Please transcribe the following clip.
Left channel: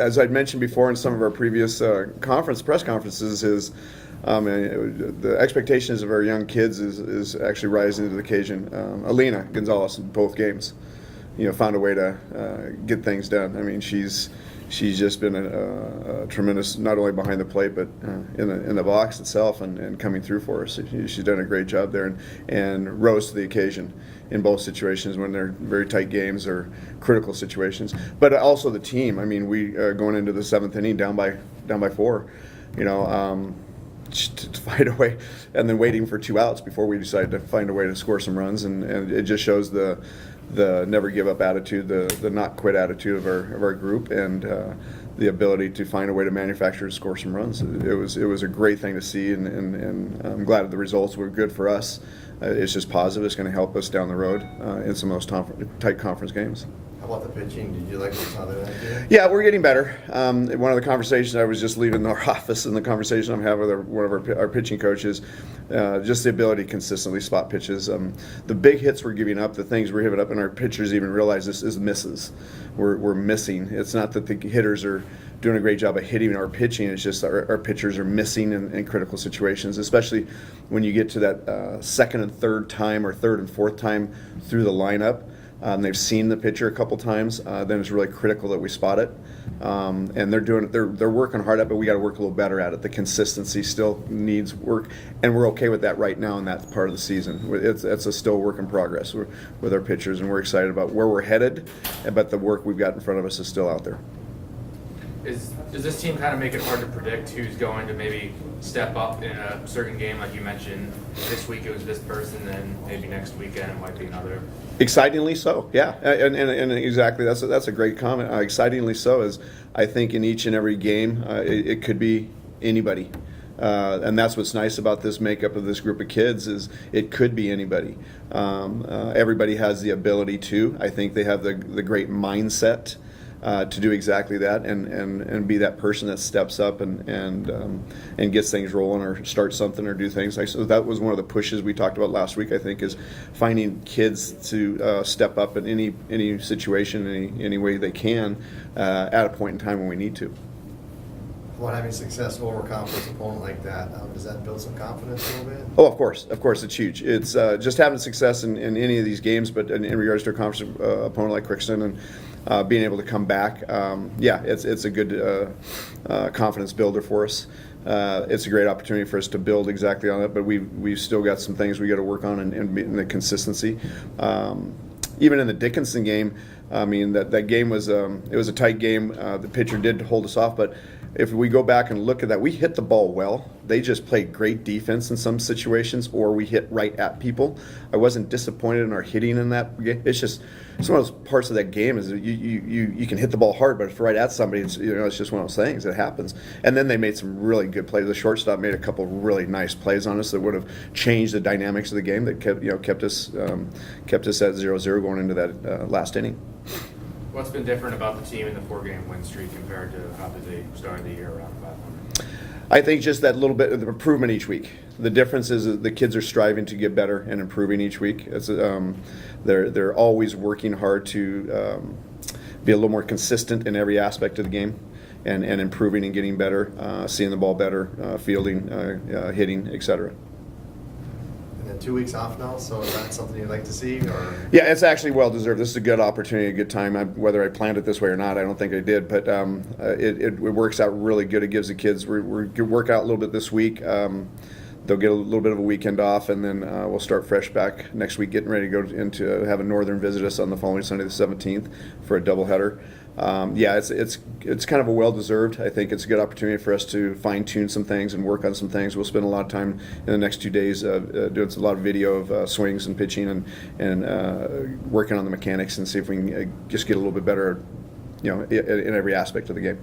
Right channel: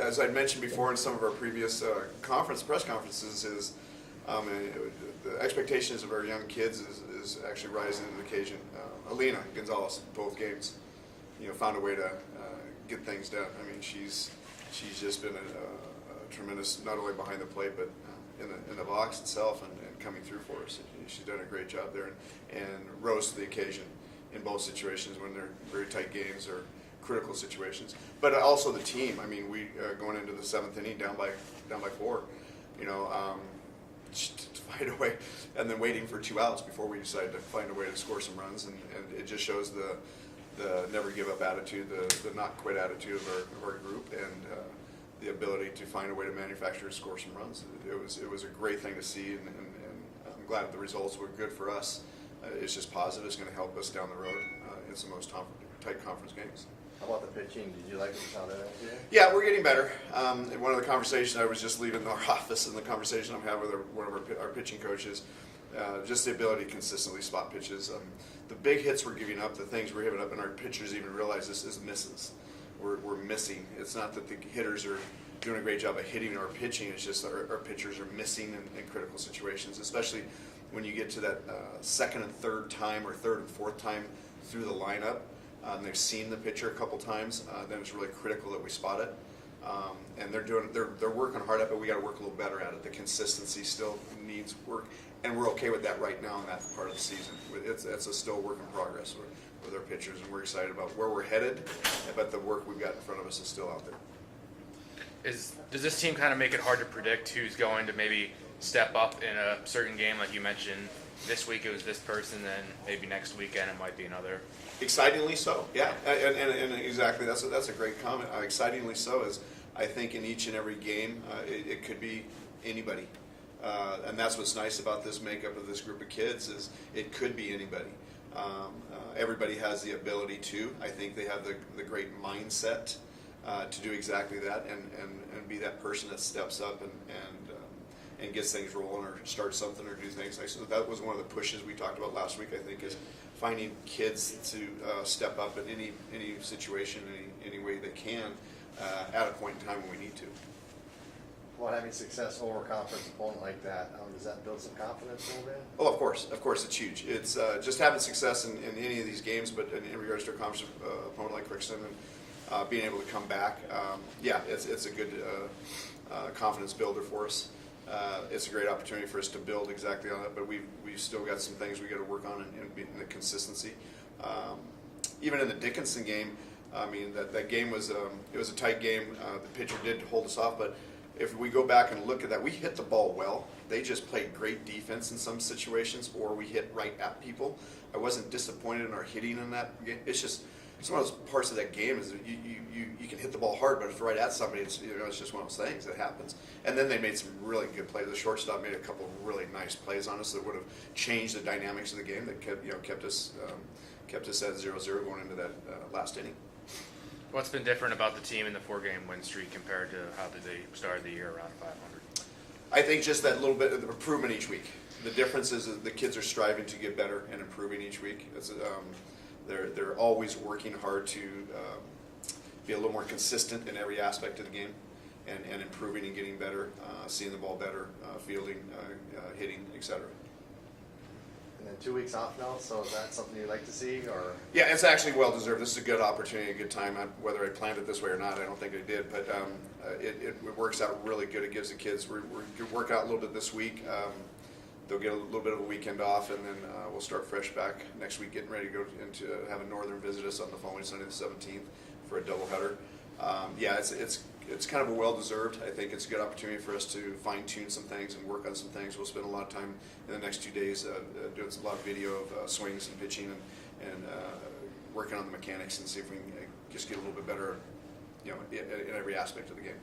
As I'd mentioned before in some of our previous press conferences, is the expectations of our young kids is actually rising to the occasion. Alina Gonzalez in both games, found a way to get things done. I mean, she's just been a tremendous, not only behind the plate, but in the box itself and coming through for us. She's done a great job there and rose to the occasion in both situations when they're very tight games or critical situations. But also the team. I mean, we going into the seventh inning down by 4, to find a way, and then waiting for 2 outs before we decided to find a way to score some runs, and it just shows the never give up attitude, the not quit attitude of our group, and the ability to find a way to manufacture and score some runs. It was a great thing to see, and I'm glad the results were good for us. It's just positive. It's going to help us down the road in some of those tight conference games. How about the pitching? Did you like what you saw there that day? Yeah, we're getting better. One of the conversations, I was just leaving our office, and the conversation I'm having with one of our pitching coaches, just the ability to consistently spot pitches. The big hits we're giving up, the things we're giving up, and our pitchers even realize this is misses. We're missing. It's not that the hitters are doing a great job of hitting our pitching. It's just our pitchers are missing in critical situations, especially when you get to that second and third time or third and fourth time through the lineup. They've seen the pitcher a couple times. Then it's really critical that we spot it. And they're working hard at it, but we got to work a little better at it. The consistency still needs work, and we're okay with that right now in that part of the season. It's a still work in progress with our pitchers, and we're excited about where we're headed, but the work we've got in front of us is still out there. Does this team kind of make it hard to predict who's going to maybe step up in a certain game? Like you mentioned, this week it was this person, then maybe next weekend it might be another. Excitingly so, yeah, and exactly, that's a great comment. Excitingly so, is I think in each and every game it could be anybody, and that's what's nice about this makeup of this group of kids is it could be anybody. Everybody has the ability to. I think they have the great mindset to do exactly that and be that person that steps up and gets things rolling or starts something or do things. So that was one of the pushes we talked about last week, I think, is finding kids to step up in any situation, any way they can at a point in time when we need to. Well, having a successful overconfident opponent like that, does that build some confidence a little bit? Oh, of course, it's huge. It's just having success in any of these games, but in regards to a conference opponent like Crookston and being able to come back, it's a good confidence builder for us. It's a great opportunity for us to build exactly on it, but we've still got some things we got to work on in the consistency. Even in the Dickinson game, I mean that game was it was a tight game. The pitcher did hold us off, but if we go back and look at that, we hit the ball well. They just played great defense in some situations, or we hit right at people. I wasn't disappointed in our hitting in that game. It's one of those parts of that game is you can hit the ball hard, but if it's right at somebody, it's just one of those things. It happens. And then they made some really good plays. The shortstop made a couple of really nice plays on us that would have changed the dynamics of the game that kept us at 0-0 going into that last inning. What's been different about the team in the 4-game win streak compared to how did they start the year around 500? I think just that little bit of improvement each week. The difference is that the kids are striving to get better and improving each week. They're always working hard to be a little more consistent in every aspect of the game and improving and getting better, seeing the ball better, fielding, hitting, etc. And then 2 weeks off now, so is that something you'd like to see? Or? Yeah, it's actually well deserved. This is a good opportunity, a good time. Whether I planned it this way or not, I don't think I did, but it works out really good. It gives the kids we work out a little bit this week. They'll get a little bit of a weekend off, and then we'll start fresh back next week, getting ready to go into have a Northern visit us on the following Sunday, the 17th, for a doubleheader. It's kind of a well-deserved. I think it's a good opportunity for us to fine-tune some things and work on some things. We'll spend a lot of time in the next 2 days doing a lot of video of swings and pitching and working on the mechanics and see if we can just get a little bit better, in every aspect of the game.